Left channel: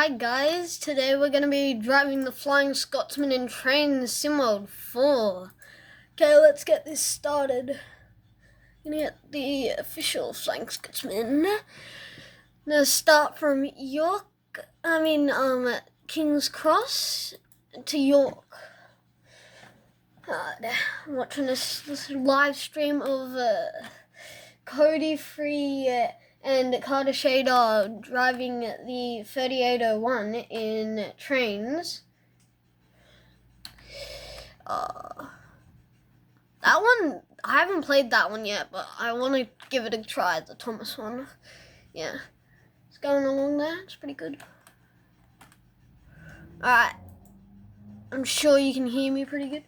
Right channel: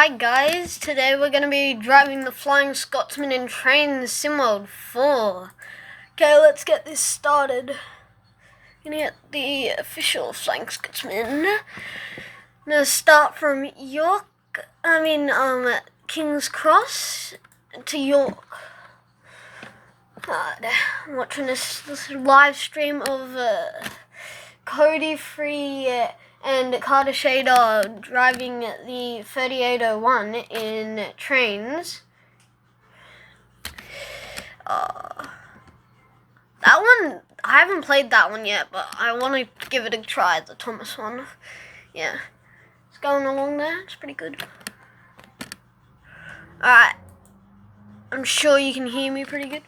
Hi guys, today we're going to be driving the Flying Scotsman in Train SimWorld 4. Okay, let's get this started. Gonna get the official Flying Scotsman. I'm gonna start from King's Cross to York. I'm watching this live stream of Cody Free and Carter Shader driving the 3801 in trains. That one, I haven't played that one yet, but I want to give it a try, the Thomas one. Yeah, it's going along there, it's pretty good. Alright, I'm sure you can hear me pretty good.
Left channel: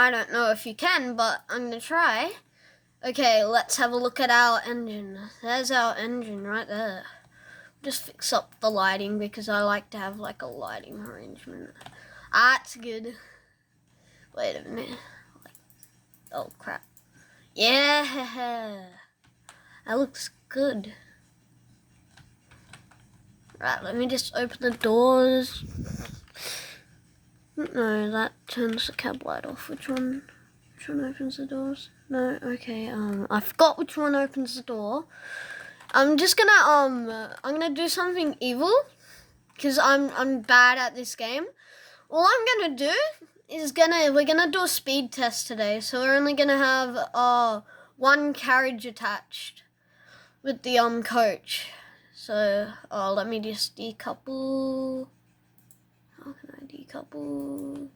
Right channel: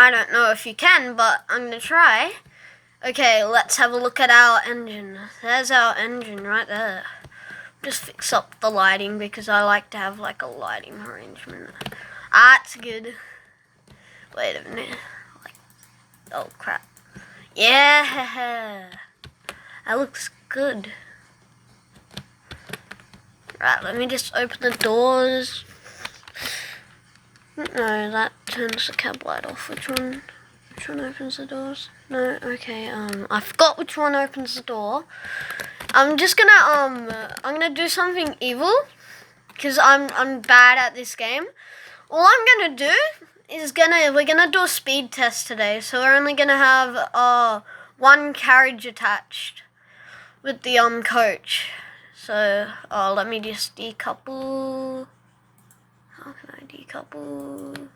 I don't know if you can, but I'm going to try. Okay, let's have a look at our engine. There's our engine right there. Just fix up the lighting because I like to have like a lighting arrangement. That's good. Wait a minute. Oh crap. Yeah. That looks good. Right, let me just open the doors. No, that turns the cab light off. Which one opens the doors? No, okay, I forgot which one opens the door. I'm gonna do something evil because I'm bad at this game. All I'm gonna do is we're gonna do a speed test today, so we're only gonna have one carriage attached with the coach. So let me just decouple. How can I decouple?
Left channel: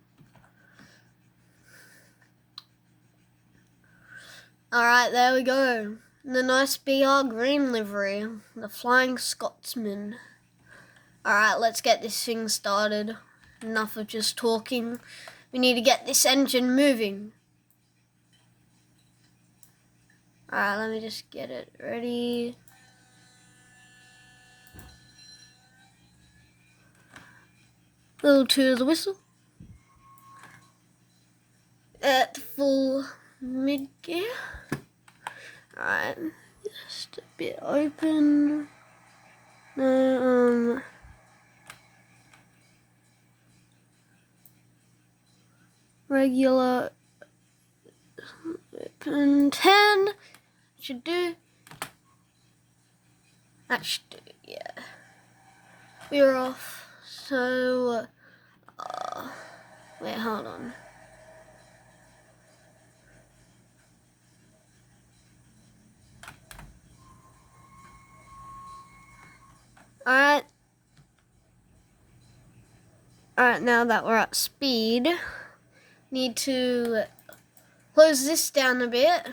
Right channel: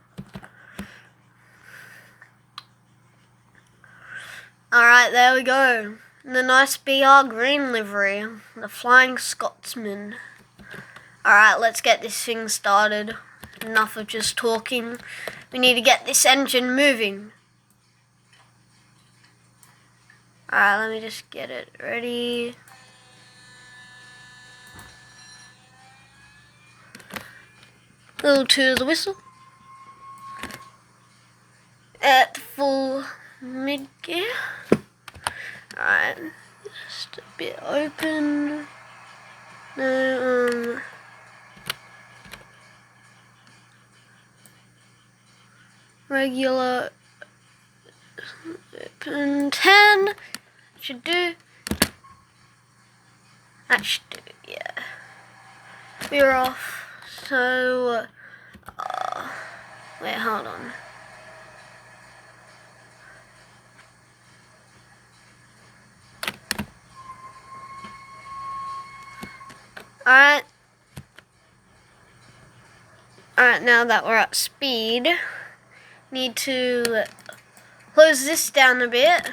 Alright, there we go. The nice BR green livery. The Flying Scotsman. Alright, let's get this thing started. Enough of just talking. We need to get this engine moving. Alright, let me just get it ready. Little to the whistle. At full mid gear. Alright, just a bit open. No, regular open 10 should do. That should do, yeah. We're off. So, wait, hold on. Alright, now that we're at speed, need to close this down a bit,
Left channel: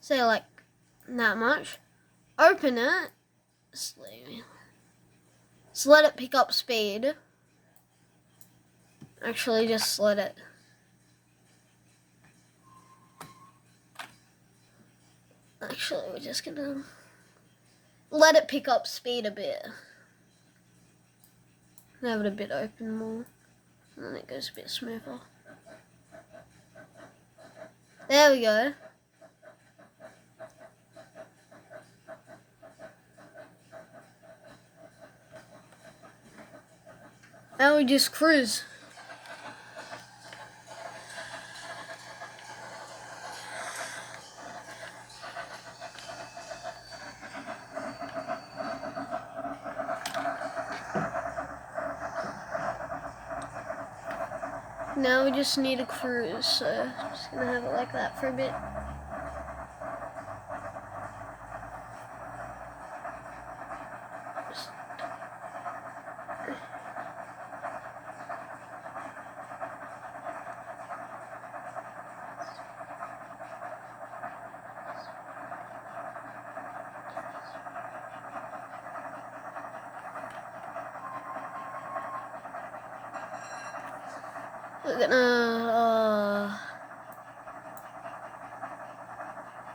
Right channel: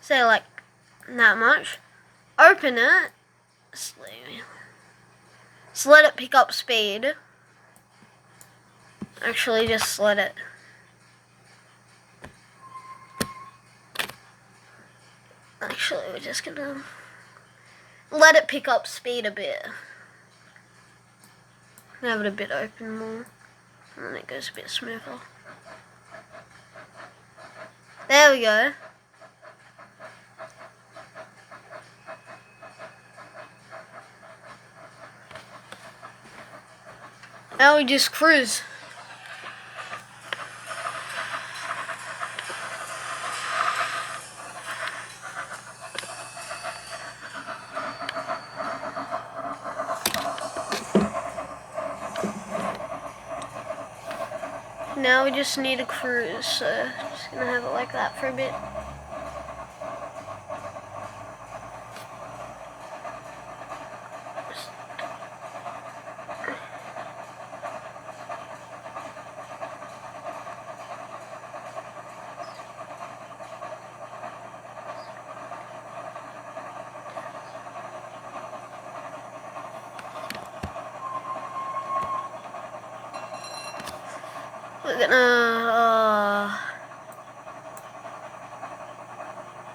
say like that much, open it, just let it pick up speed, actually just let it, we're just gonna let it pick up speed a bit. Have it a bit open more, and then it goes a bit smoother. There we go. Now we just cruise. Now we just need a cruise, so just gonna have it like that for a bit.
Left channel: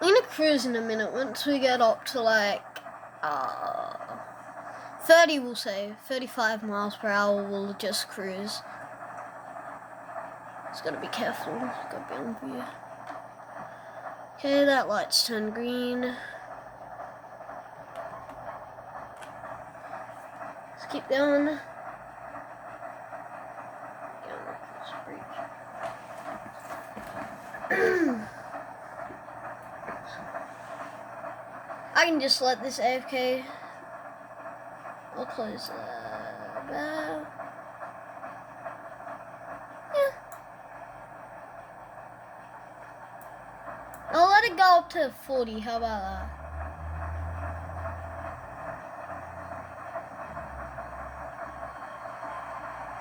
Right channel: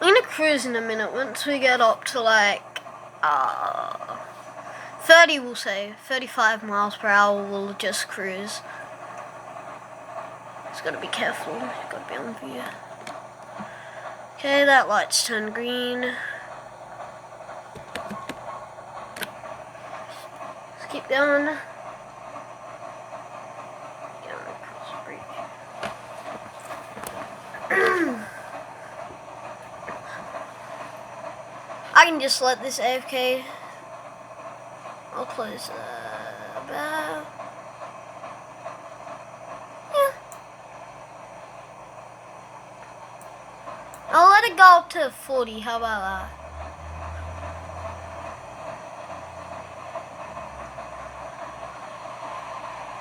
We're gonna cruise in a minute. Once we get up to like 30, we'll say 35 miles per hour, we'll just cruise. Just gotta be careful. Gotta be on view. Okay, that light's turned green. Let's keep going. Going across the bridge. I can just let this AFK. I'll close the valve. Yeah. I'll let it go up to 40. How about that?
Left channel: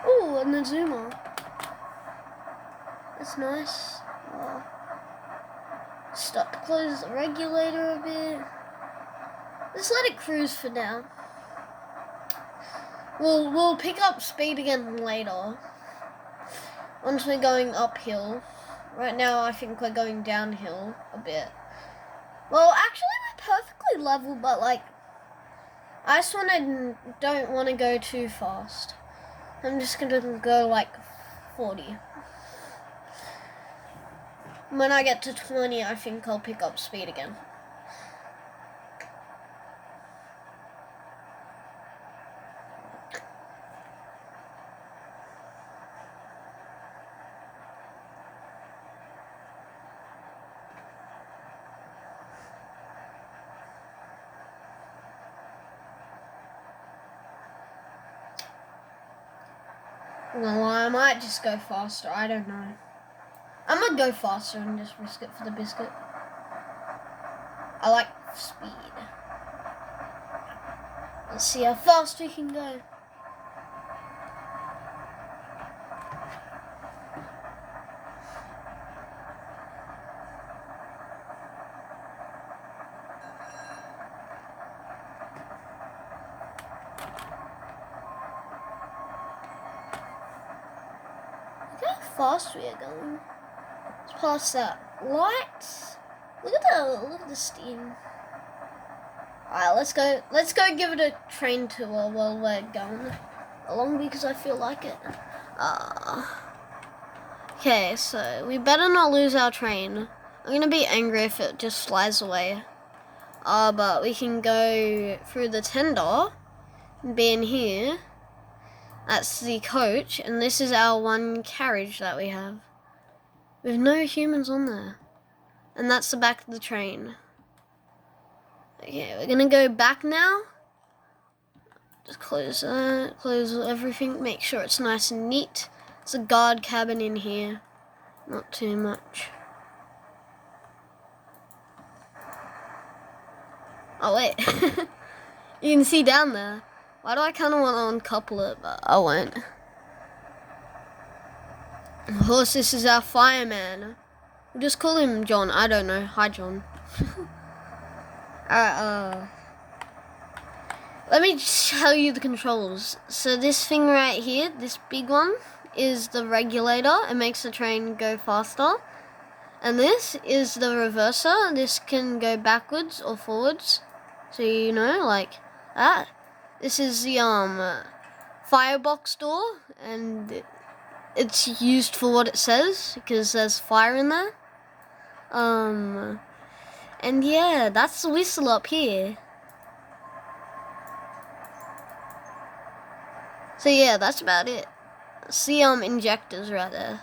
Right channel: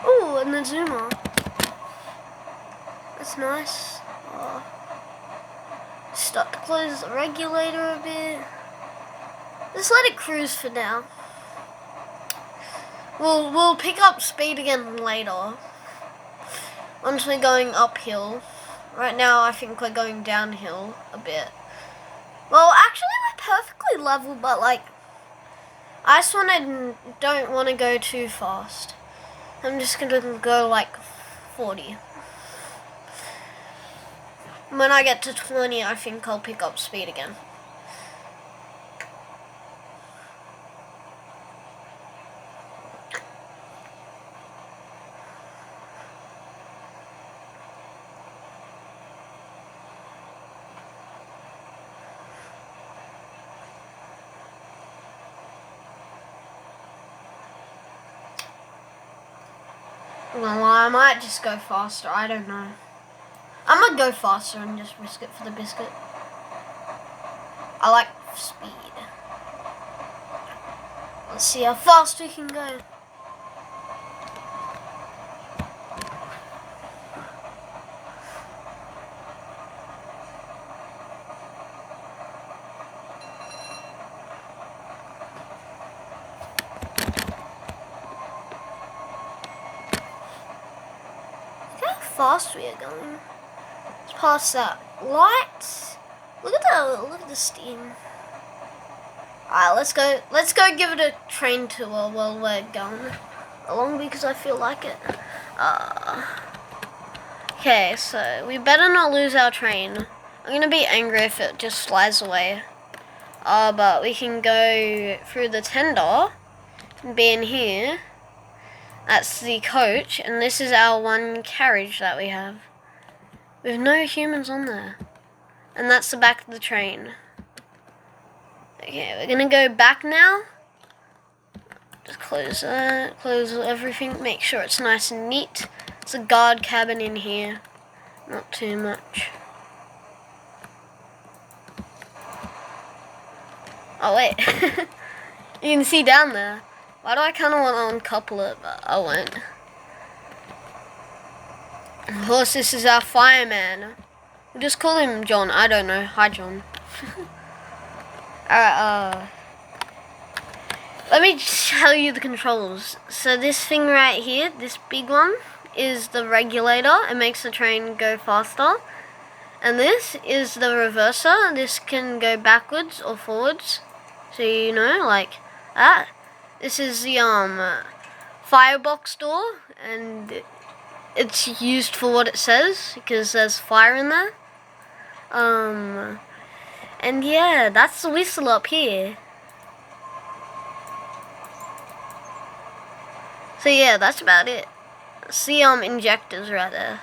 Ooh, and the zoomer. That's nice. Start to close the regulator a bit. Just let it cruise for now. We'll pick up speed again later. Once we're going uphill. Right now I think we're going downhill a bit. Well, actually we're perfectly level, but like I just don't want to go too fast. I'm just gonna go like 40. When I get to 20, I think I'll pick up speed again. Well, I might just go faster. I don't know. I'm gonna go faster and just risk it for the biscuit. I like speed. Let's see how fast we can go. Look how fast we are going. Let's pass that light. Look at the steam. Alright, let's go give it a train tour while we're going along because I feel like it. Okay, so we better not lose our train. I'm gonna be angry if it just slides away. But we can go through the tender and be in here. That's the coach, and this is our one carriage that we have. With no humans on there. And that's the back of the train. Okay, we're gonna go back now. Just close that, close everything, make sure it's nice and neat. It's a guard cabin in here, not too much. Oh wait, you can see down there. Why do I kind of want to uncouple it, but I won't. Of course, this is our fireman. We'll just call him John, I don't know. Hi, John. Alright, let me tell you the controls. So this thing right here, this big one, is the regulator. It makes the train go faster. And this is the reverser. This can go backwards or forwards. So you know, like that. This is the firebox door, and it's used for what it says because there's fire in there. And yeah, that's the whistle up here. So yeah, that's about it. See injectors right there.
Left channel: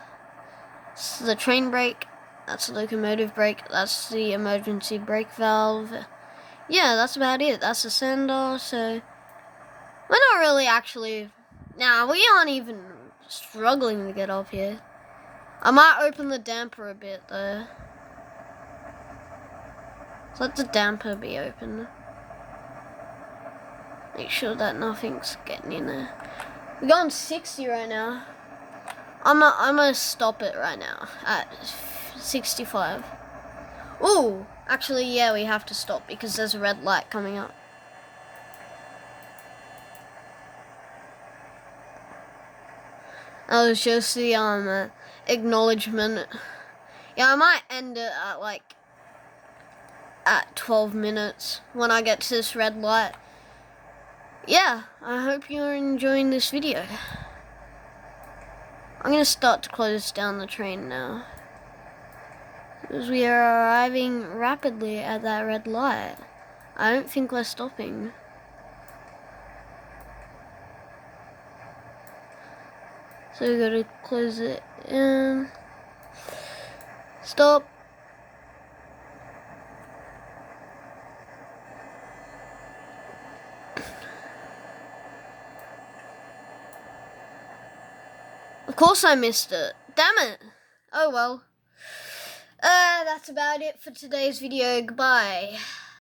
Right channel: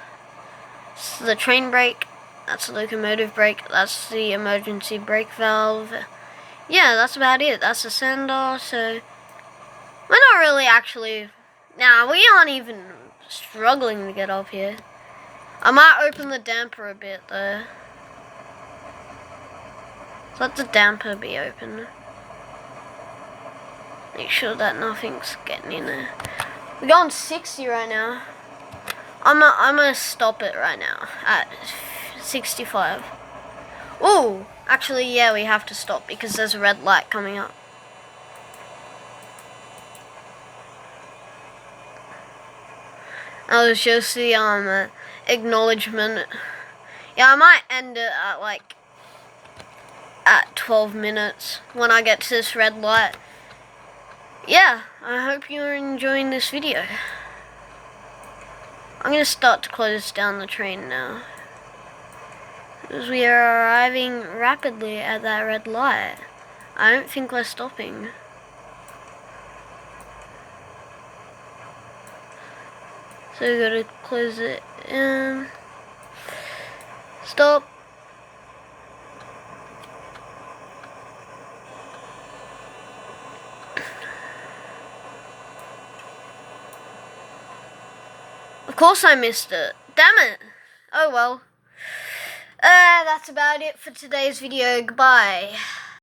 It's the train brake, that's the locomotive brake, that's the emergency brake valve. Yeah, that's about it. That's the sender, so we're not really actually, we aren't even struggling to get up here. I might open the damper a bit though. Let the damper be open. Make sure that nothing's getting in there. We're going 60 right now. I'm gonna stop it right now at 65. Ooh, actually, yeah, we have to stop because there's a red light coming up. That was just the acknowledgement. Yeah, I might end it at like at 12 minutes when I get to this red light. Yeah, I hope you're enjoying this video. I'm gonna start to close down the train now. Because we are arriving rapidly at that red light. I don't think we're stopping. So we gotta close it in. Stop. Of course I missed it. Damn it. Oh well. That's about it for today's video. Goodbye.